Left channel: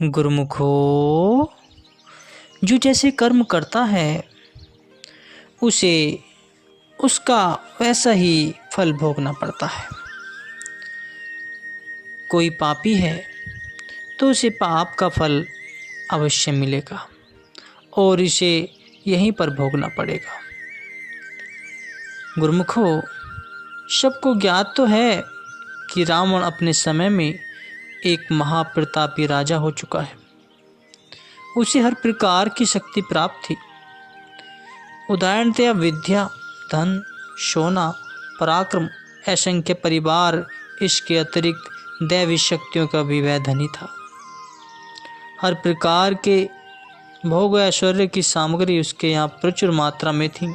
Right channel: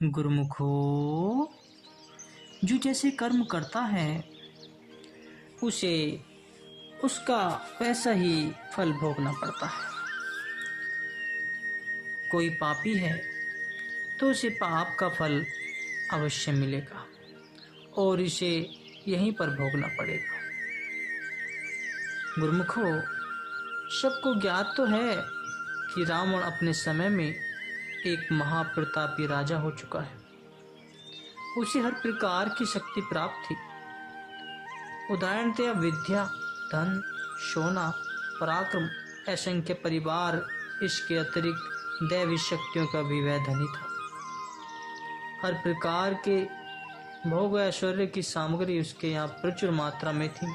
गुरुमुखो, जो जैसे कर्म करता है उसे उसका वैसा ही फल भोगना पड़ता है। कोई पापी है तो उसे पाप का फल अवश्य मिलेगा और इसे यहीं पर भोगना पड़ेगा। गुरुमुखो, सबको ज्ञात तो है कि रावण अपने समय में एक महाप्रतापी राजा हो चुका है। उसे हर प्रकार की शक्ति प्राप्त थी। उदाहरणतया विद्या, धन, सोना, पराक्रम, असंख्य परिवार, इसके अतिरिक्त दैवी शक्तियों का भी वह धनी था। हर प्रकार के भोग ऐश्वर्य की सामग्री उसके यहाँ प्रचुर मात्रा में थी।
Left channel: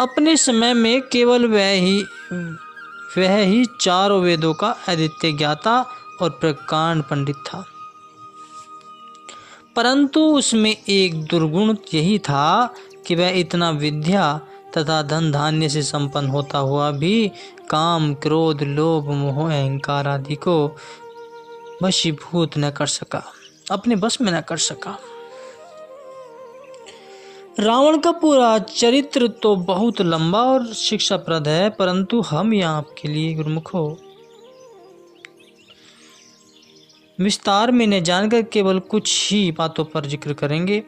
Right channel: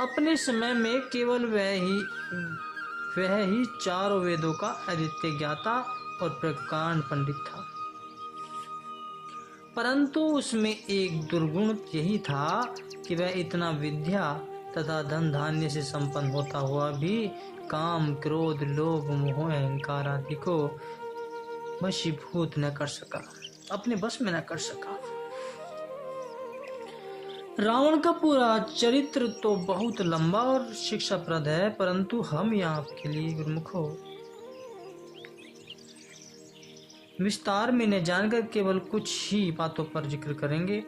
अपने समय में केवल वह ही चारों वेदों का आदित्य ज्ञाता और प्रकांड पंडित था। परंतु उसमें एक दुर्गुण यही था कि वह इतना विद्या तथा धन धान्य से संपन्न होता हुआ भी काम, क्रोध, लोभ, मोह, अहंकार आदि को वशीभूत न कर सका, अपने बस में न कर सका। रावण का पूरा चरित्र तो बहुत लंबा और शिक्षाप्रद है, परंतु हम यहाँ आपके लिए गुरुमुखो विस्तार में न जानकर केवल कुछ ही बातों पर जिक्र करेंगे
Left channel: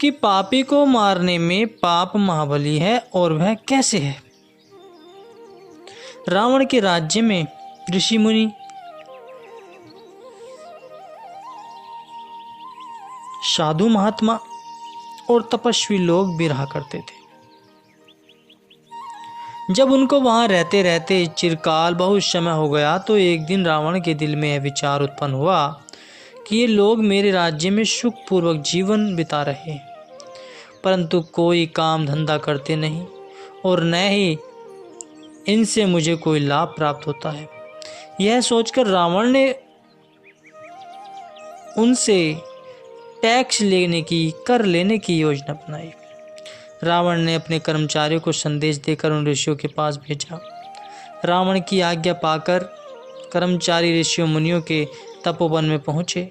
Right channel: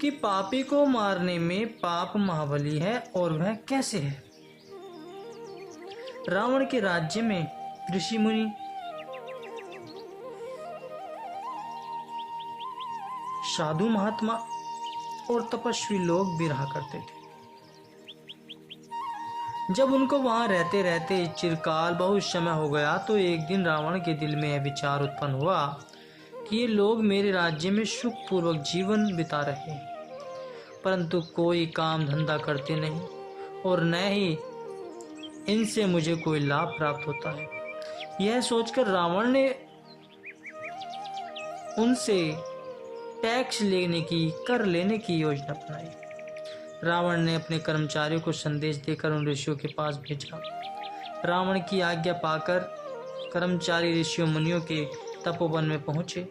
कि पापी को मारने में पाप महाबली है और वह कैसे है। रावण के राज्य में ऋषि मुनि, साधु महात्मा और तपस्वी लोग भी रहा करते थे। जब उनको वहां रहते रहते चिरकाल बहुत समय हो गया तो एक दिन रावण के दिल में यह विचार उत्पन्न हुआ कि ये लोग मेरे राज्य में सुखपूर्वक जीवन बिता रहे हैं, परंतु कोई काम धंधा करते नहीं और न ही इनसे मुझे कोई लाभ प्राप्त होता है। यह सोचकर रावण ने उनसे टैक्स कर लेने की योजना बनाई। रावण ने अपने कर्मचारियों को संदेश देकर उन ऋषियों के पास भेजा। रावण की आज्ञा पाकर कर्मचारी ऋषियों मुनियों के तपोवन में पहुँचे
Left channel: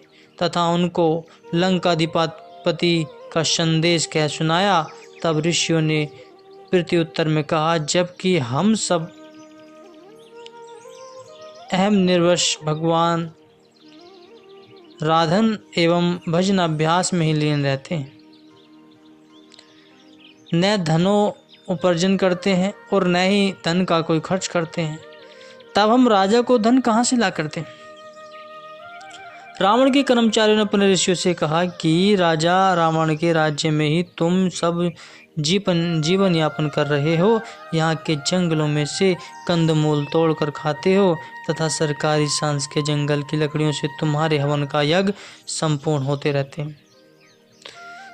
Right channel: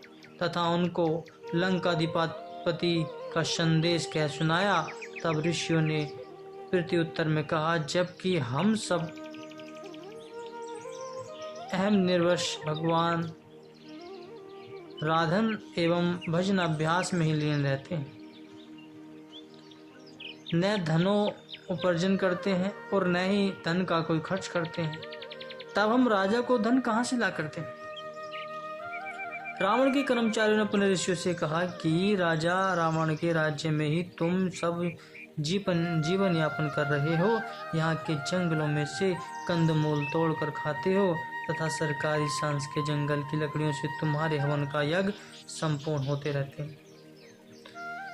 तथा उनको लंकाधिपति का संदेश कह सुनाया। तब ऋषियों ने प्रत्युत्तर में कहा, जबकि हम सब अहम निर्वश भगवान राधन एवं भजन अभ्यास में ही लीन रहते हैं, न धनो उपार्जन करते हैं और न ही धन का कोई खर्च करते हैं, तब हम राजा को धन कहाँ से ला करते हैं। रावण के कर्मचारियों ने अपने ऋषियों से कहा कि राजा रावण के राज्य में ही तुम सब जीवन यापन कर रहे हो। यहाँ के जंगलों में से कंदमूल तोड़कर खाते हो तथा सरकारी सांस के जंगल की लकड़ियों से तुम्हारे हवन का यज्ञ संपूर्ण होते रहते हैं।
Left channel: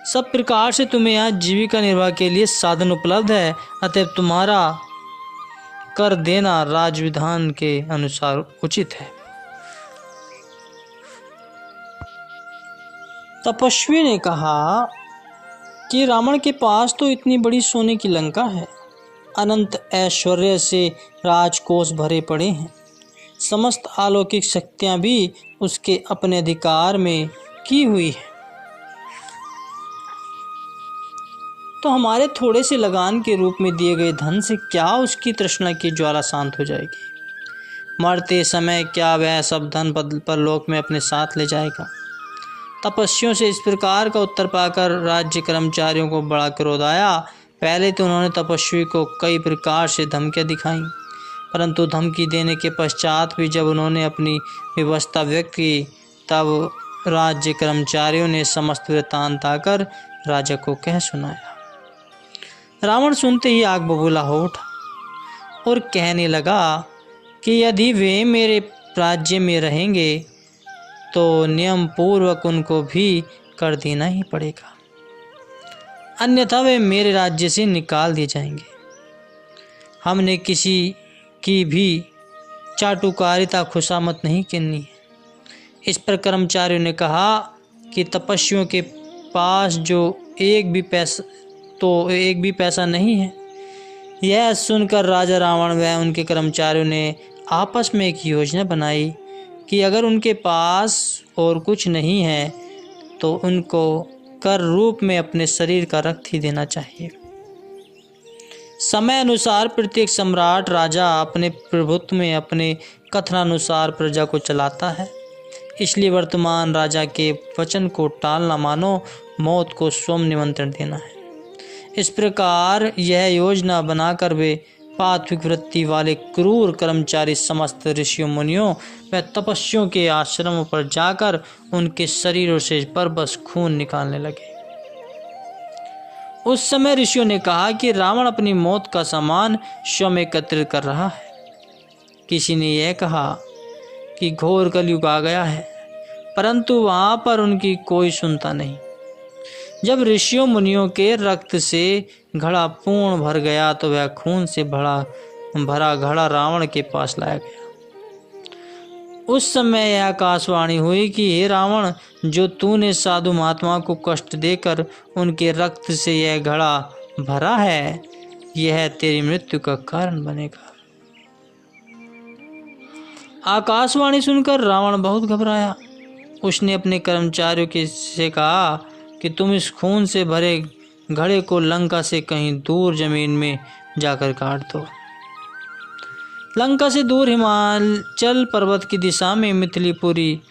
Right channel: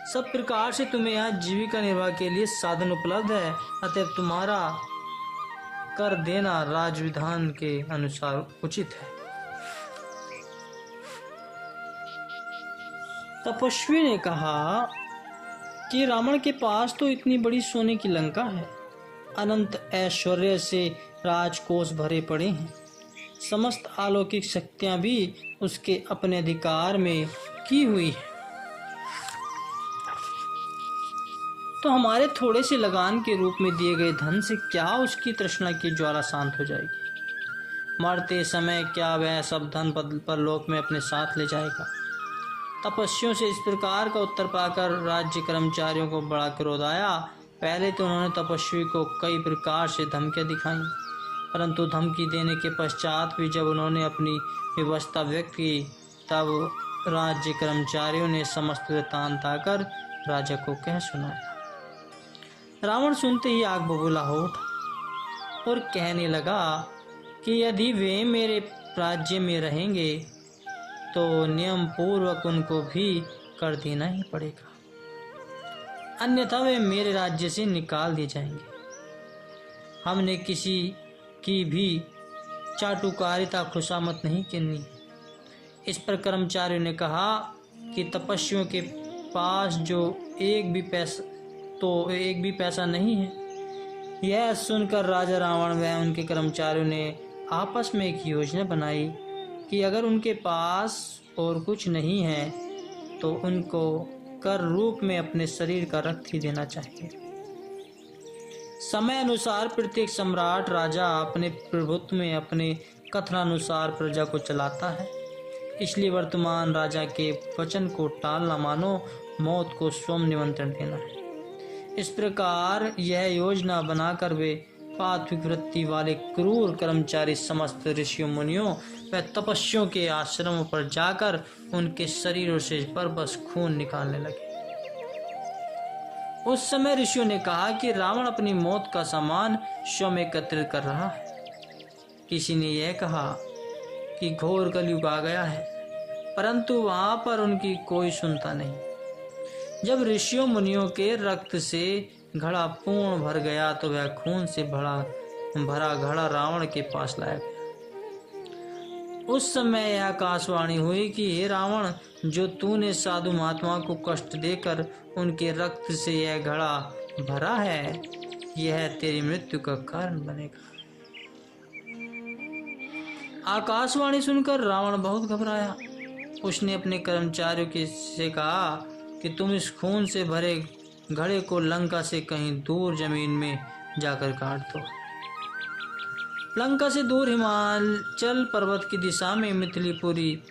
सब प्रकार से तुम्हें यहाँ जीविका निर्वाह के लिए साधन उपलब्ध है, अतएव तुम्हारा कर देना राजविधान के अनुसार उचित है। तपस्वी ने कहा कि रावण के पास तो इतनी बड़ी सोने की लंका है, अनंत ऐश्वर्य से राजकोष भरे पड़े हैं, समस्त अलौकिक शक्तियां भी उसके अपने अधिकार में की हुई है, तो हमारे थोड़े से लगान के रूप में दिए गए धन से क्या उसकी तृष्णा की ज्वाला शांत हो जाएगी। मरते समय क्या वह सब धन परलोक में अपने साथ ले जाएगा। तपस्वियों से इस प्रकार का उत्तर पाकर राज्य कर्मचारियों को बड़ा क्रोध आया। पहले तो उन्होंने तपस्वी को कई प्रकार से धमकियां दिखाई, परंतु धमकी देने के पश्चात भी जब उन्होंने अपनी व्यवस्था व्यक्त की तब राज्य कर्मचारियों ने समस्त वृत्तांत आकर राजा को कह सुनाया। रावण सुनते ही आग बबूला हो उठा और कहने लगा कि यदि वे मेरे राज्य में रहेंगे तो नियम पूर्वक उनको भी कर देना ही पड़ेगा, अन्यथा वे मेरे राज्य से निकाल दिए जाएंगे। हमने किसी की भी चाटुकारिता खुशामत नहीं करनी है। इस पर कर्मचारियों ने कहा कि तपस्वियों के पास जो एक भी पैसा नहीं है। यह सुनकर राजा रावण व उनके कर्मचारियों ने आपस में एक योजना बनाई कि अगर उनके पास और कुछ नहीं है तो उनको कर रूप में अपने शरीर का रक्त ही देना चाहिए। समय अनुसार प्रत्येक सम्राट राजा अपने प्रभुत्व में अपने कथनानुसार प्रजा को चलाता है, इसलिए वर्तमान राजा के वचन को टालना मानो मौत को स्वयं निमंत्रण देना है। इस प्रकार यह योजना बनाकर वे पात्विक वृत्ति वाले क्रूर कर्मचारी समस्त ऋषियों मुनियों व तपस्वियों के आश्रमों पर जाकर उनके शरीरों से बरबस खून निकालने लगे। उस समय ऋषियों ने कहा कि रावण अपनी मौत का सामान स्वयं एकत्रित कर रहा है। किसी ने यह कहा कि घोर कलयुग आ गया है, परंतु वहां पर उनकी कोई सुनता नहीं। जब ऋषियों मुनियों के रक्त से घड़ा पूर्ण भर गया तो वह खून से भरा घड़ा रावण के पास लाया गया। उस समय यह आकाशवाणी हुई कि हे रावण, जो तूने साधु महात्मा को कष्ट देकर उनके रक्त से यह घड़ा भरा है, यह तेरी मृत्यु का कारण बनेगा। आकाशवाणी सुनकर रावण बहुत घबराया। उसने अपने कर्मचारियों से कहा कि तुम इस खून से भरे घड़े को लंका से कहीं दूर जमीन में जाकर काट दो। लंका से दूर हिमाचल पर्वत की दिशा में मिथिलीपुरी,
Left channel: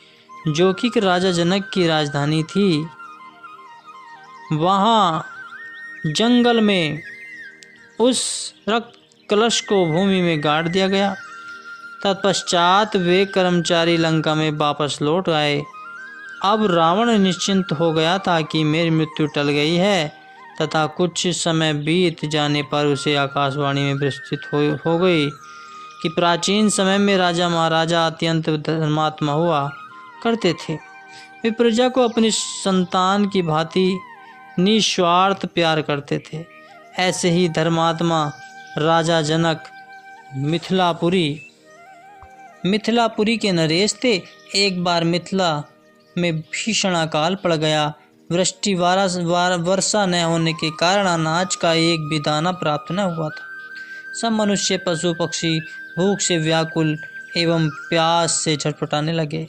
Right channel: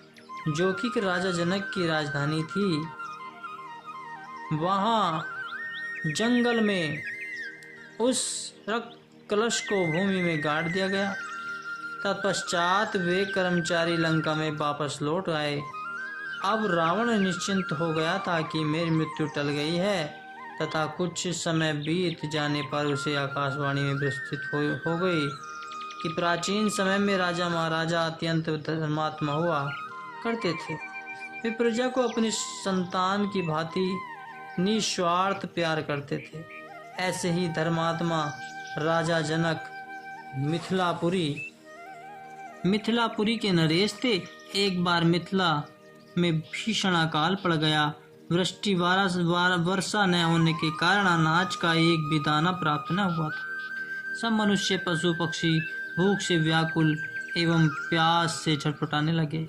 जो कि राजा जनक की राजधानी थी, वहाँ जंगल में उस रक्त कलश को भूमि में गाड़ दिया गया। तत्पश्चात वे कर्मचारी लंका में वापस लौट आए। अब रावण निश्चिंत हो गया था कि मेरी मृत्यु टल गई है, तथा कुछ समय बीत जाने पर उसे आकाशवाणी में प्रस्तुत हो गई कि प्राचीन समय में राजा महाराजा अत्यंत धर्मात्मा हुआ करते थे। वे प्रजा को अपनी संतान की भांति निस्वार्थ प्यार करते थे। ऐसे ही धर्मात्मा राजा जनक मिथिलापुरी के नरेश थे। एक बार मिथिला में भीषण अकाल पड़ गया। वृष्टि वर्षा न होने के कारण अनाज का एक भी दाना प्राप्त न हुआ था। सब मनुष्य पशु पक्षी भूख से व्याकुल एवं प्यास से छटपटाने लगे।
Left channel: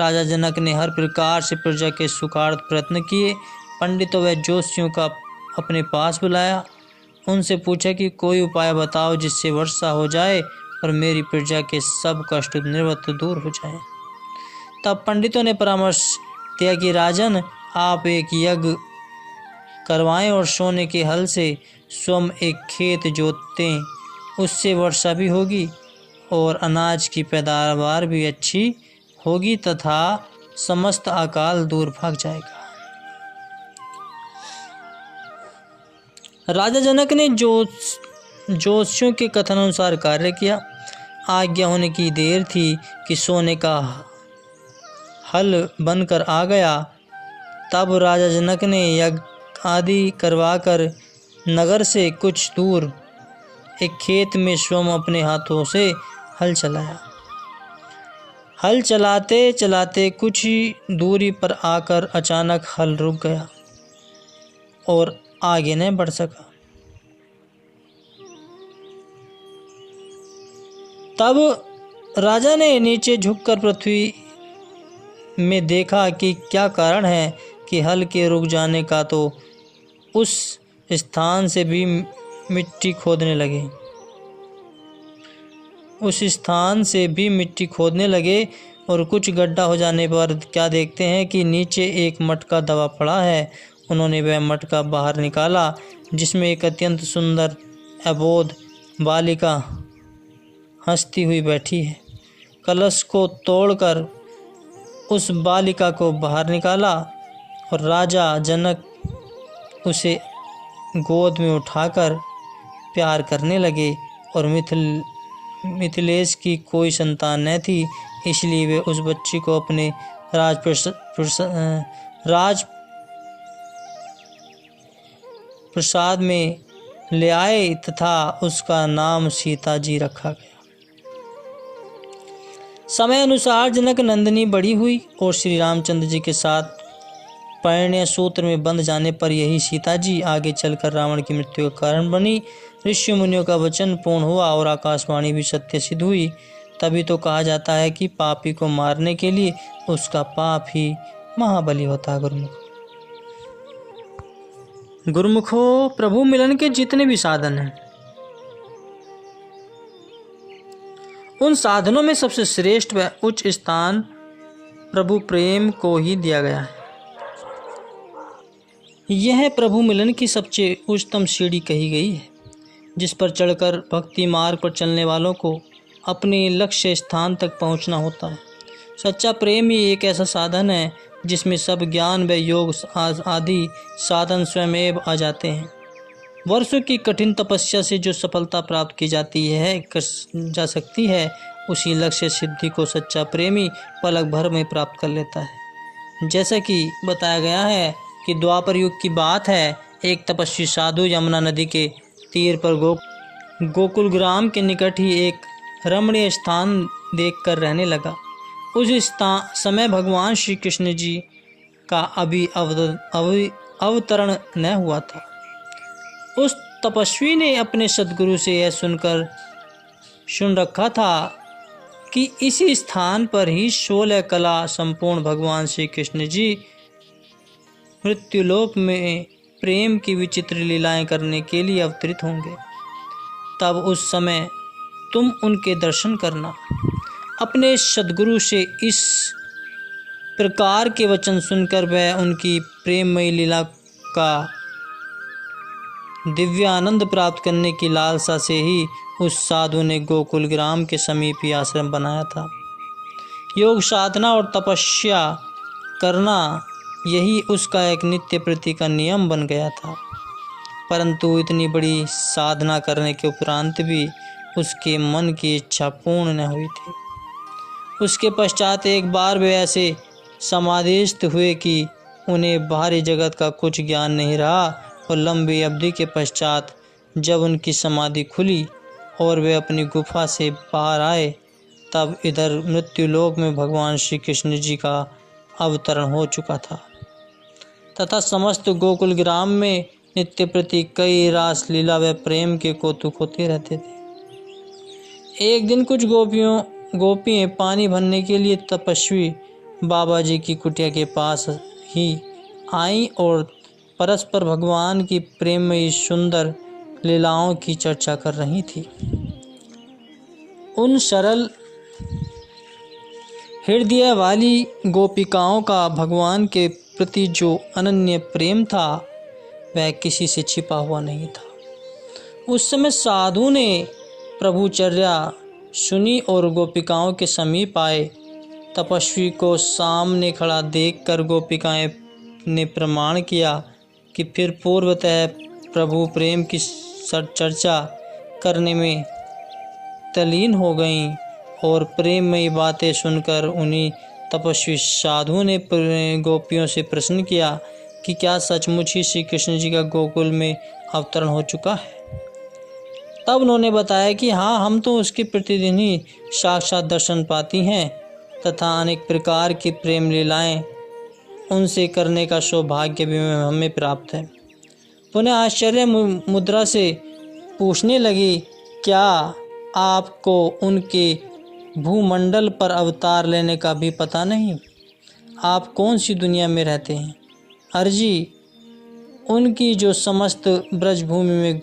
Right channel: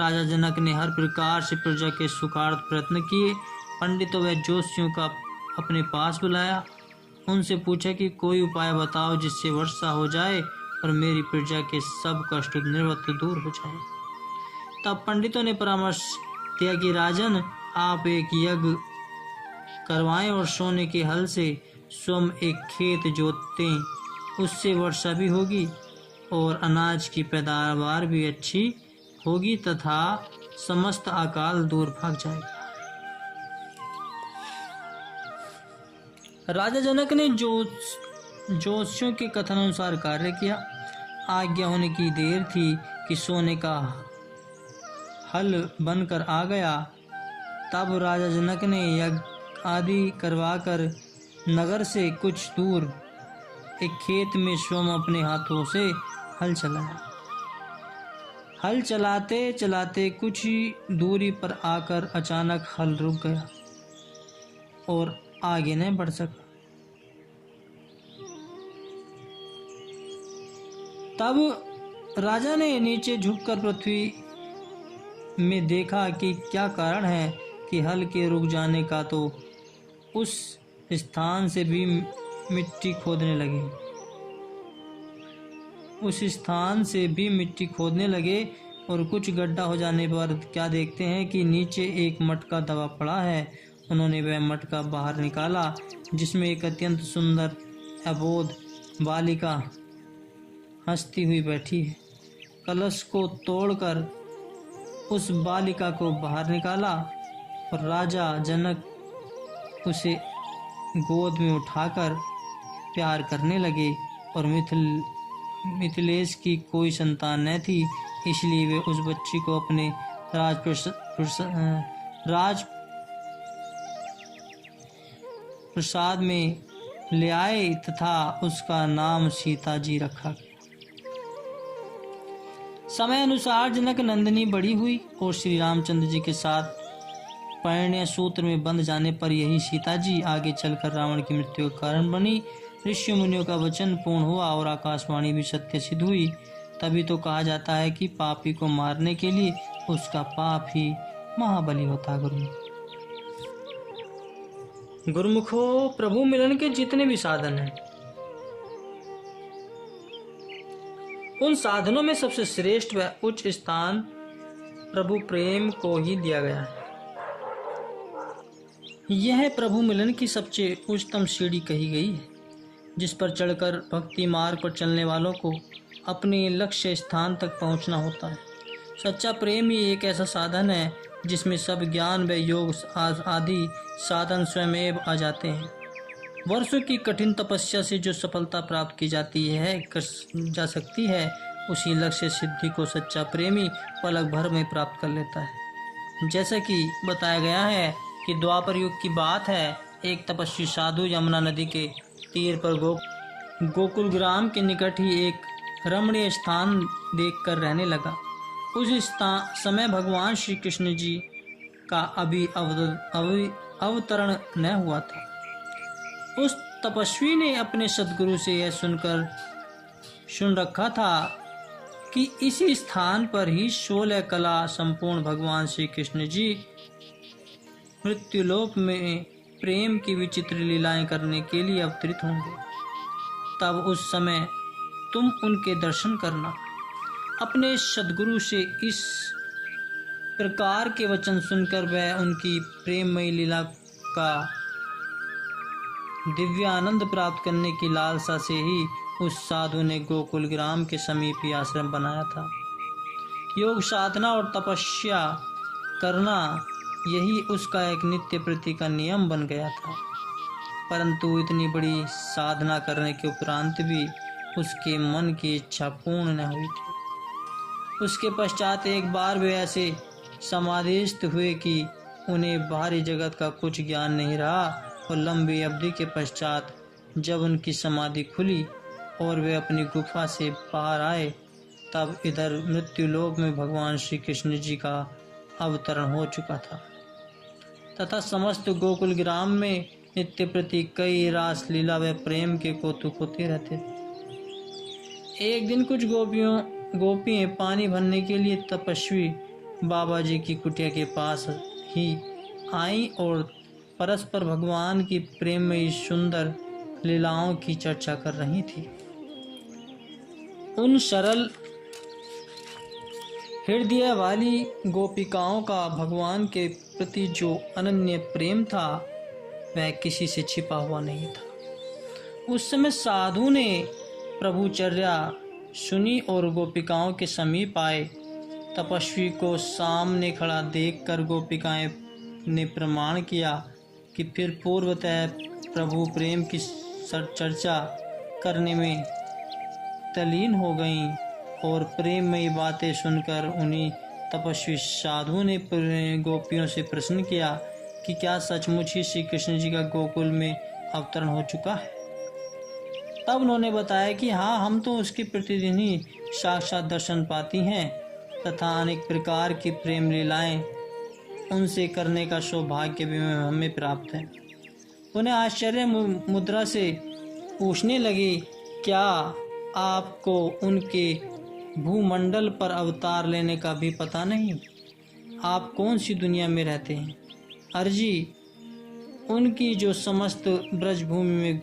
राजा जनक ने हर प्रकार से प्रजा के सुखार्थ प्रयत्न किए। पंडितों व ज्योतिषियों का अपने पास बुलाया। उनसे पूछा कि कोई उपाय बताओ जिससे वर्षा हो जाए और मेरी प्रजा के सब कष्ट निर्वत दूर हो जाए। तब पंडितों ने परामर्श दिया कि राजन, आप एक यज्ञ करवाएं और सोने के हल से स्वयं एक खेत जोतें, उससे वर्षा भी होगी और अनाज की पैदावार भी अच्छी होगी तथा समस्त अकाल दूर भाग जाएगा। राजा जनक ने ज्योतिषियों के कथनानुसार कार्य किया। आज्ञा होने की देर थी कि सोने का हल बनकर आ गया। तब राजा जनक ने यज्ञ आदि करवाकर नगर से कुछ दूर एक खेत में स्वयं अपने हाथों से हल चलाया। हल चलाते चलाते कुछ ही दूरी पर आकर अचानक हल रुक गया और आगे नहीं बढ़ सका। तब राजा ने नीचे झुककर पृथ्वी में देखा कि क्या कारण है कि हल के रुक जाने का, तो उस स्थान से भी मिट्टी खोदने लगे और कुछ गड्ढा हो जाने पर क्या देखते हैं कि नीचे एक मटका दबा पड़ा है। उन्होंने वह मटका बाहर निकाला जिसमें एक अत्यंत सुंदर अबोध बालिका हंसती हुई बैठी है। कलश को तोड़कर उस बालिका को बाहर निकाला और राजा जनक उसे गोद में उठाकर प्यार करने लगे। और मिथिलेश की कोई संतान न थी, इसलिए वे उस बच्ची को अपने राजप्रसाद में ले आए तथा उसका नाम सीता जी रखा गया। समय अनुसार जनक नंदिनी बड़ी हुई और श्री रामचंद्र जी के साथ परिणय सूत्र में बंध जाने पर यही सीता जी आगे चलकर रावण की मृत्यु का कारण बनी। ऋषि मुनियों का वचन पूर्ण हुआ और आकाशवाणी भी सत्य सिद्ध हुई। तभी तो कहा जाता है कि पापी को मारने के लिए उसका पाप ही महाबली होता है। गुरुमुखो, प्रभु मिलन के जितने भी साधन हैं, उन साधनों में सबसे श्रेष्ठ व उच्च स्थान प्रभु प्रेम को ही दिया गया है। यह प्रभु मिलन की सबसे उच्चतम सीढ़ी कही गई है, जिस पर चढ़कर भक्ति मार्ग पर चलने वालों को अपने लक्ष्य स्थान तक पहुंचना होता है। सच्चा प्रेम ही एक ऐसा साधन है जिसमें सब ज्ञान व योग आदि साधन स्वयं आ जाते हैं। वर्षों की कठिन तपस्या से जो सफलता प्राप्त की जा सकती है, उसी लक्ष्य सिद्धि को सच्चा प्रेमी पलक भर में प्राप्त कर लेता है। जैसा कि बताया गया है कि द्वापर युग की बात है, एक तपस्वी साधु यमुना नदी के तीर पर गोकुल ग्राम के निकट ही एक रमणीय स्थान देखकर रहने लगा। उस समय भगवान श्री कृष्ण जी का अभी अवतरण न हुआ था। उस तपस्वी ने अपने सद्गुरु से यह सुन रखा था कि इसी स्थान पर ही 16 कला संपूर्ण भगवान श्री कृष्ण जी मृत्युलोक में प्रेम की विचित्र लीलाएं करने के लिए अवतरित होंगे। तब उस समय तुम उनके दर्शन करना। अपने सद्गुरु से इस प्रकार के वचन सुनकर वह उनकी प्रेममयी लीला का दिव्य आनंद प्राप्त करने की लालसा से ही उस साधु ने गोकुल ग्राम के समीप ही आश्रम बनाया था। योग साधना और तपस्या करना यही उसका एक नित्य प्रति का नियम बन गया था। परंतु इतनी बड़ी साधना करने के उपरांत भी उसके मन की इच्छा पूर्ण न हुई थी। उसके पश्चात एक बार वे ऐसे समाधिस्थ हुए कि उन्हें बाहरी जगत का कुछ ज्ञान नहीं रहा, और लंबी अवधि के पश्चात जब उनकी समाधि खुली और वे अपनी गुफा से बाहर आए, तब इधर मृत्युलोक में भगवान श्री कृष्ण जी का अवतरण हो चुका था तथा समस्त गोकुल ग्राम में नित्य प्रति कई रास लीला व प्रेम के कौतुक होते रहते थे। एक दिन कुछ गोपियाँ पानी भरने के लिए तपस्वी बाबा जी की कुटिया के पास ही आईं और परस्पर भगवान की प्रेममयी सुंदर लीलाओं की चर्चा कर रही थी। उन सरल हृदय वाली गोपिकाओं का भगवान के प्रति जो अनन्य प्रेम था, वह किसी से छिपा हुआ नहीं था। उस समय साधु ने प्रभुचर्या सुनी और गोपिकाओं के समीप आए। तपस्वी को सामने खड़ा देखकर गोपिकाएं ने प्रमाण किया कि फिर पूर्वतः प्रभु प्रेम की चर्चा करने में तल्लीन हो गईं और प्रेममयी बातें सुनकर उन्हीं तपस्वी साधु ने गोपियों से प्रश्न किया कि क्या सचमुच ही श्री कृष्ण जी का गोकुल में अवतरण हो चुका है। तब उन्होंने बताया कि हाँ, हम तो उसके प्रतिदिन ही साक्षात दर्शन पाती हैं तथा अनेक प्रकार की प्रेम लीलाएं उनसे करने का सौभाग्य भी हमें प्राप्त है। उन्हें आश्चर्य मुद्रा से पूछने लगी, क्या आपको उनके भूमंडल पर अवतार लेने का भी पता नहीं? आप कौन सी दुनिया में रहते हैं? अर्जी, उनकी जो समस्त ब्रजभूमि में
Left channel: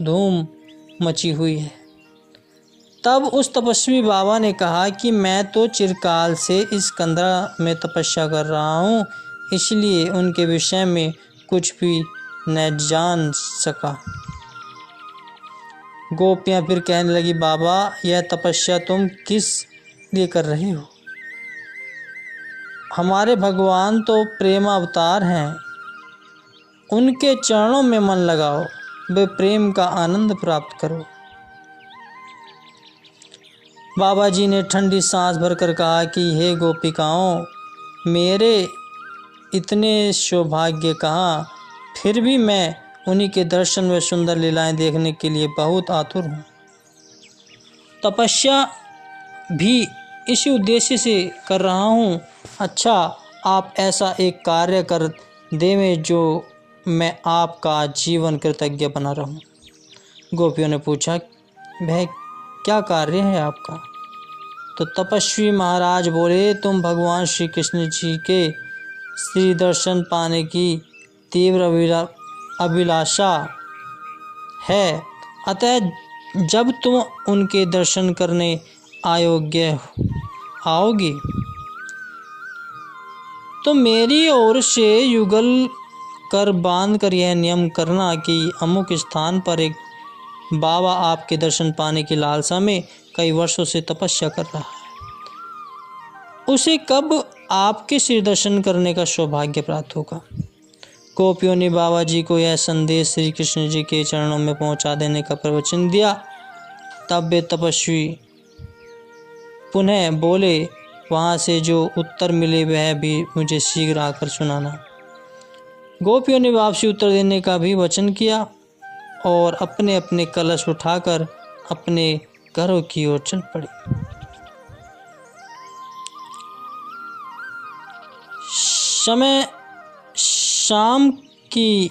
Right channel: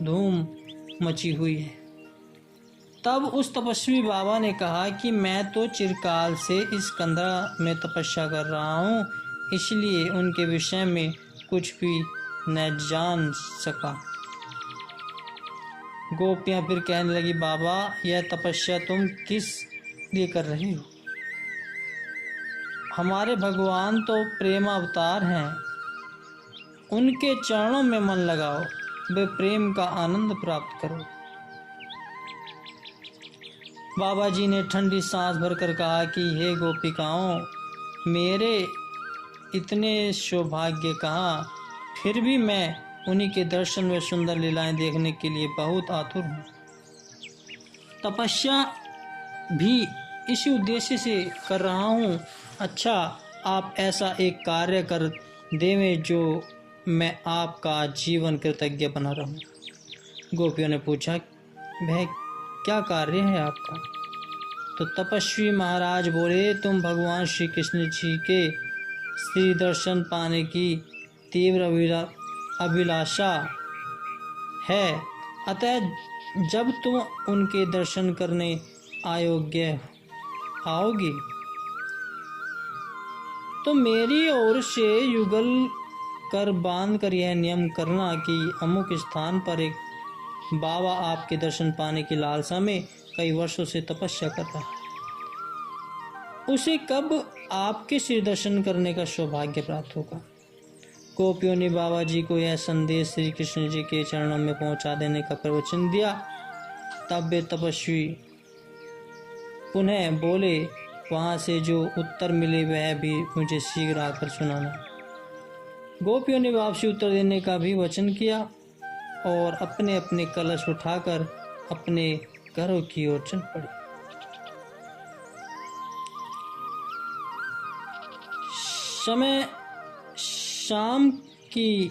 धूम मची हुई है। तब उस तपस्वी बाबा ने कहा कि मैं तो चिरकाल से इस कंदरा में तपस्या कर रहा हूँ, इसलिए उनके विषय में कुछ भी न जान सका। गोपियाँ फिर कहने लगी, बाबा, यह तपस्या तुम किस लिए कर रही हो? हमारे भगवान तो प्रेम अवतार हैं, उनके चरणों में मन लगाओ, वे प्रेम का आनंद प्राप्त करो। बाबा जी ने ठंडी सांस भरकर कहा कि हे गोपिकाओं, मेरे इतने सौभाग्य कहाँ, फिर भी मैं उन्हीं के दर्शन व सुंदर लीलाएं देखने के लिए बहुत आतुर हूँ। तपस्या भी इसी उद्देश्य से कर रहा हूँ। अच्छा, आप ऐसा एक कार्य कर देवें जो मैं आपका जीवन कृतज्ञ बना रहूं। गोपियों ने पूछा, वह क्या कार्य है आपका? तो तपस्वी महाराज बोले, तुम भगवान श्री कृष्ण जी के श्री दर्शन पाने की तीव्र अभिलाषा है, अतः जब तुम उनके दर्शन करने अयोग्य आओगी तो मेरी ओर से युगल कर बांध कर यह नियम करना कि अमुक स्थान पर एक बाबा आपके दर्शन पाने की लालसा में कई वर्षों से तपस्या कर रहा है। उसे कब आपके श्री दर्शन करने का सौभाग्य प्राप्त होगा। गोपियों ने बाबा जी को यह संदेश श्री कृष्ण जी के चरणों में पहुंचा देने का प्रवचन दिया। तब वे तपस्वी पुनः बोले, वहाँ से जो उत्तर मिले वह भी मुझे शीघ्र आकर सुनाना। गोपियों ने वापसी उत्तर देने का भी वचन किया और अपने अपने कलश उठाकर अपने घरों की ओर चल पड़ी। समय शाम की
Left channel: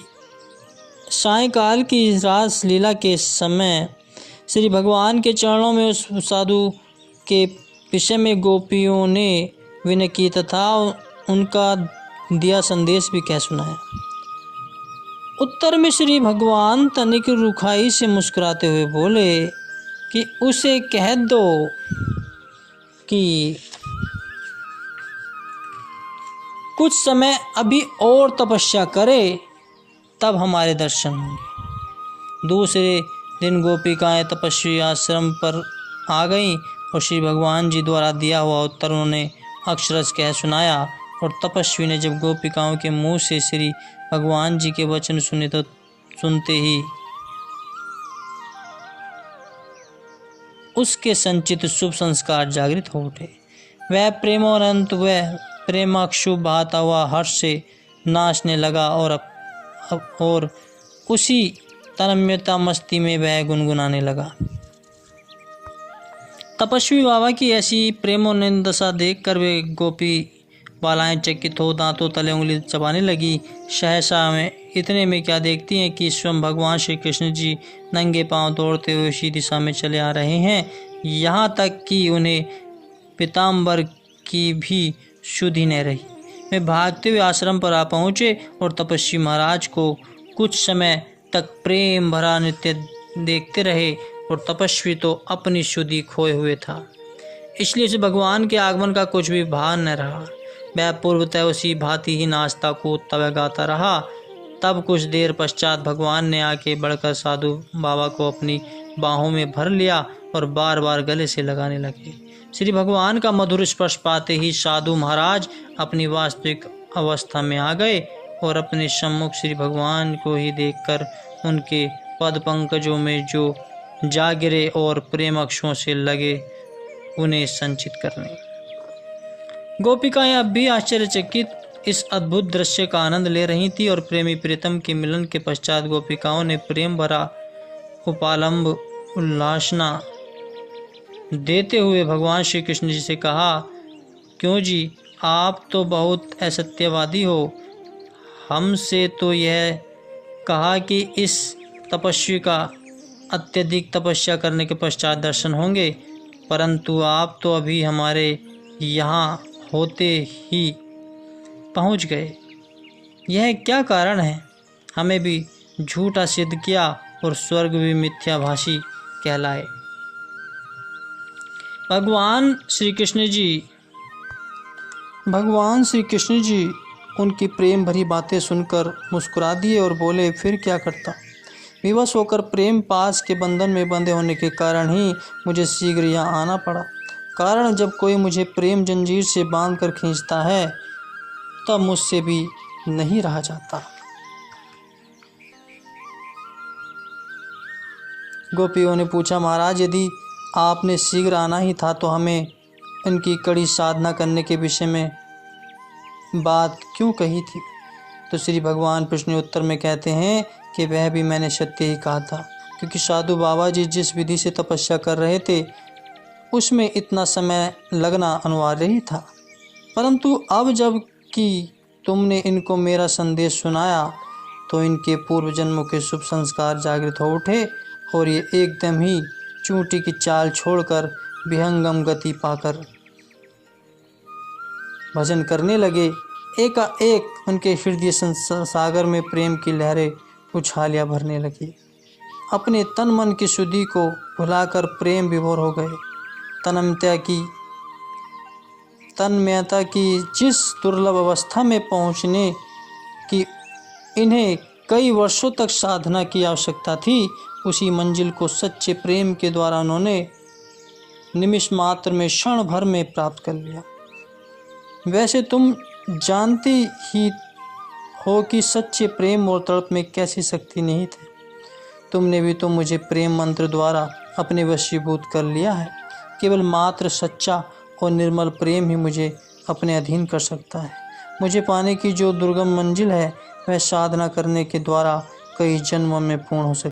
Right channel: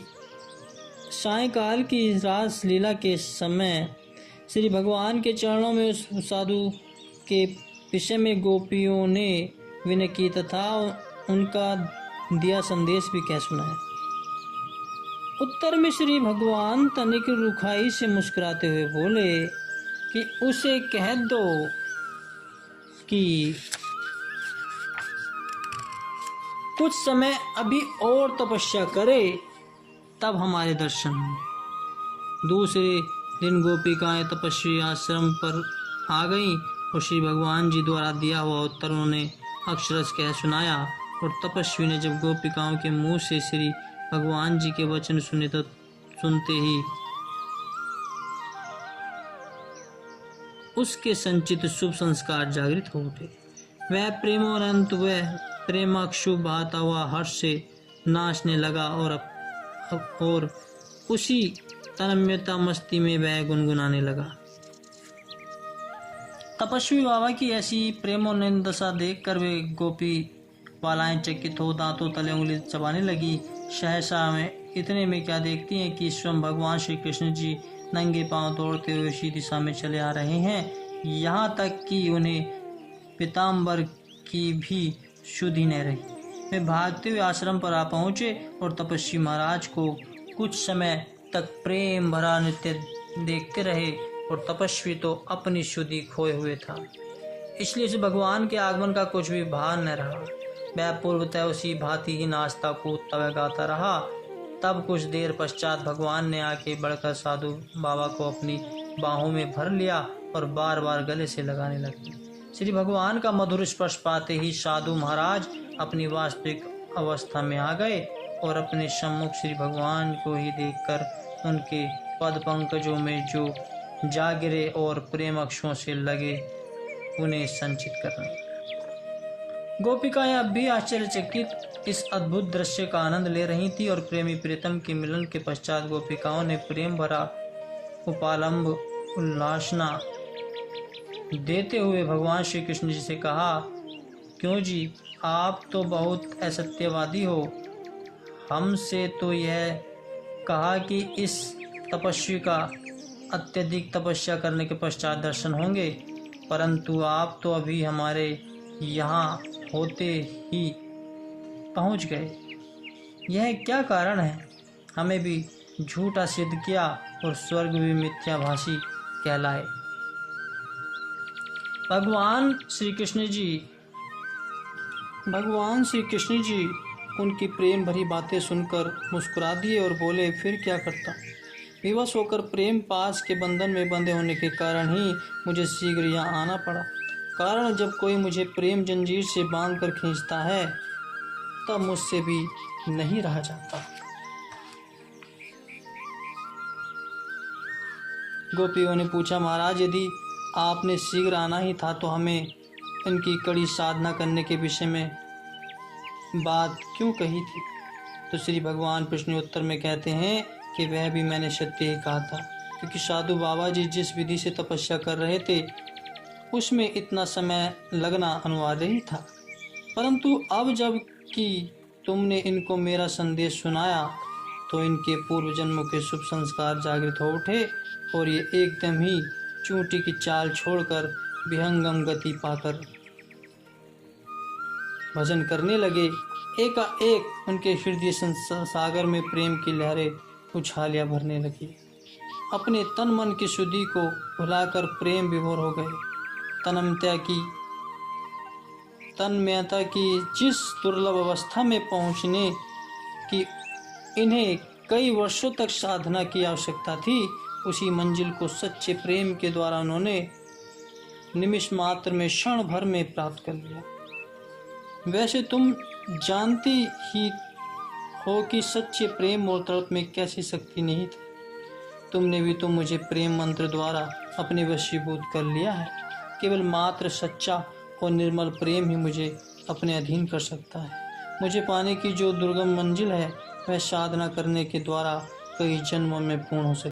सायंकाल की रास लीला के समय श्री भगवान के चरणों में उस साधु के विषय में गोपियों ने विनय की तथा उनका दिया संदेश भी कह सुनाया। उत्तर में श्री भगवान तनिक रुखाई से मुस्कुराते हुए बोले कि उसे कह दो कि कुछ समय अभी और तपस्या करे, तब हमारे दर्शन होंगे। दूसरे दिन गोपिकाएं तपस्वी आश्रम पर आ गईं और श्री भगवान जी द्वारा दिया हुआ उत्तर उन्होंने अक्षरश कह सुनाया। और तपस्वी ने जब गोपिकाओं के मुंह से श्री भगवान जी के वचन सुने तो सुनते ही उसके संचित शुभ संस्कार जागृत हो उठे। वह प्रेमानंद वह प्रेमाक्षु बहाता हुआ हर्ष से नाचने लगा और उसी तन्मयता मस्ती में वह गुनगुनाने लगा। तपस्वी बाबा की ऐसी प्रेमोन्नत दशा देखकर वे गोपी बालाएं चकित हो दांतों तले उंगली चबाने लगी। सहसा में इतने में क्या देखती हैं कि स्वयं भगवान श्री कृष्ण जी नंगे पांव दौड़ते हुए उसी दिशा में चले आ रहे हैं। यहाँ तक कि उन्हें पीताम्बर की भी शुद्धि न रही। वे भागते हुए आश्रम पर आ पहुँचे और तपस्वी महाराज को कुछ समय तक प्रेम भरा नृत्य देखते रहे। और तपस्वी तो अपनी शुद्धि खोए हुए था, इसलिए उसे भगवान के आगमन का कुछ भी भान न रहा। वह पूर्वतः उसी भांति ही नाचता कूदता व गाता रहा। तब कुछ देर पश्चात भगवान ने आके बढ़कर साधु बाबा को अपनी बाहों में भर लिया और बार बार गले से लगाने लगे। श्री भगवान का मधुर स्पर्श पाते ही साधु महाराज अपनी वास्तविक अवस्था में आ गए और अपने सम्मुख श्री भगवान को ही देखकर उनके पद पंकजों में जो जा गिरे और प्रेम अक्षों से लगे उन्हें संचित करने। गोपिकाएं अब भी आश्चर्यचकित इस अद्भुत दृश्य का आनंद ले रही थी और प्रेमी प्रीतम के मिलन के पश्चात गोपिकाओं ने प्रेम भरा उपालंब उल्लासना देते हुए भगवान श्री कृष्ण जी से कहा, क्यों जी, आप तो बहुत असत्यवादी हो। हमसे तो यह कहा कि इस तपस्वी का अत्यधिक तपस्या करने के पश्चात दर्शन होंगे, परंतु आप तो अभी हमारे यहाँ होते ही पहुँच गए। यह क्या कारण है? हमें भी झूठा सिद्ध किया और स्वर्ग भी मिथ्याभाषी कहलाए। भगवान श्री कृष्ण जी उनकी प्रेम भरी बातें सुनकर मुस्कुरा दिए और बोले, फिर क्या करता। विवश होकर प्रेम पास के बंधन में बंधे होने के कारण ही मुझे शीघ्र यहाँ आना पड़ा। कारण जब कोई मुझे प्रेम जंजीर से बांधकर खींचता है तब मुझसे भी नहीं रहा जाता। गोपियों ने पूछा, महाराज, यदि आपने शीघ्र आना ही था तो हमें इनकी कड़ी साधना करने के विषय में बात क्यों कही थी। तो श्री भगवान प्रश्न उत्तर में कहते हैं कि वह भी मैंने सत्य ही कहा था, क्योंकि साधु बाबा जी जिस विधि से तपस्या कर रहे थे उसमें इतना समय लगना अनिवार्य ही था। परंतु अब जब कि तुमने इनको मेरा संदेश सुनाया तो इनके पूर्व जन्मों के शुभ संस्कार जागृत हो उठे और ये एकदम ही चूंटी की चाल छोड़कर विहंगम गति पाकर भजन करने लगे। एकाएक उनके हृदय सागर में प्रेम की लहरें उछालियां भरने लगी। अपने तन मन की शुद्धि को भुलाकर प्रेम विभोर हो गए। तन्मयता की जिस दुर्लभ अवस्था में पहुंचने की इन्हें कई वर्षों तक साधना की आवश्यकता थी, उसी मंजिल को सच्चे प्रेम के द्वारा उन्होंने निमिष मात्र में, क्षण भर में प्राप्त कर लिया। वैसे तुम जानती ही हो कि सच्चे प्रेम और तड़प में कैसी शक्ति नहीं थी। तुमने भी तो मुझे प्रेम मंत्र द्वारा अपने वशीभूत कर लिया है। केवल मात्र सच्चा और निर्मल प्रेम ही मुझे अपने अधीन कर सकता है। मुझे पाने की जो दुर्गम मंजिल है, वह साधना करने के द्वारा कई जन्मों में पूर्ण हो सकती है।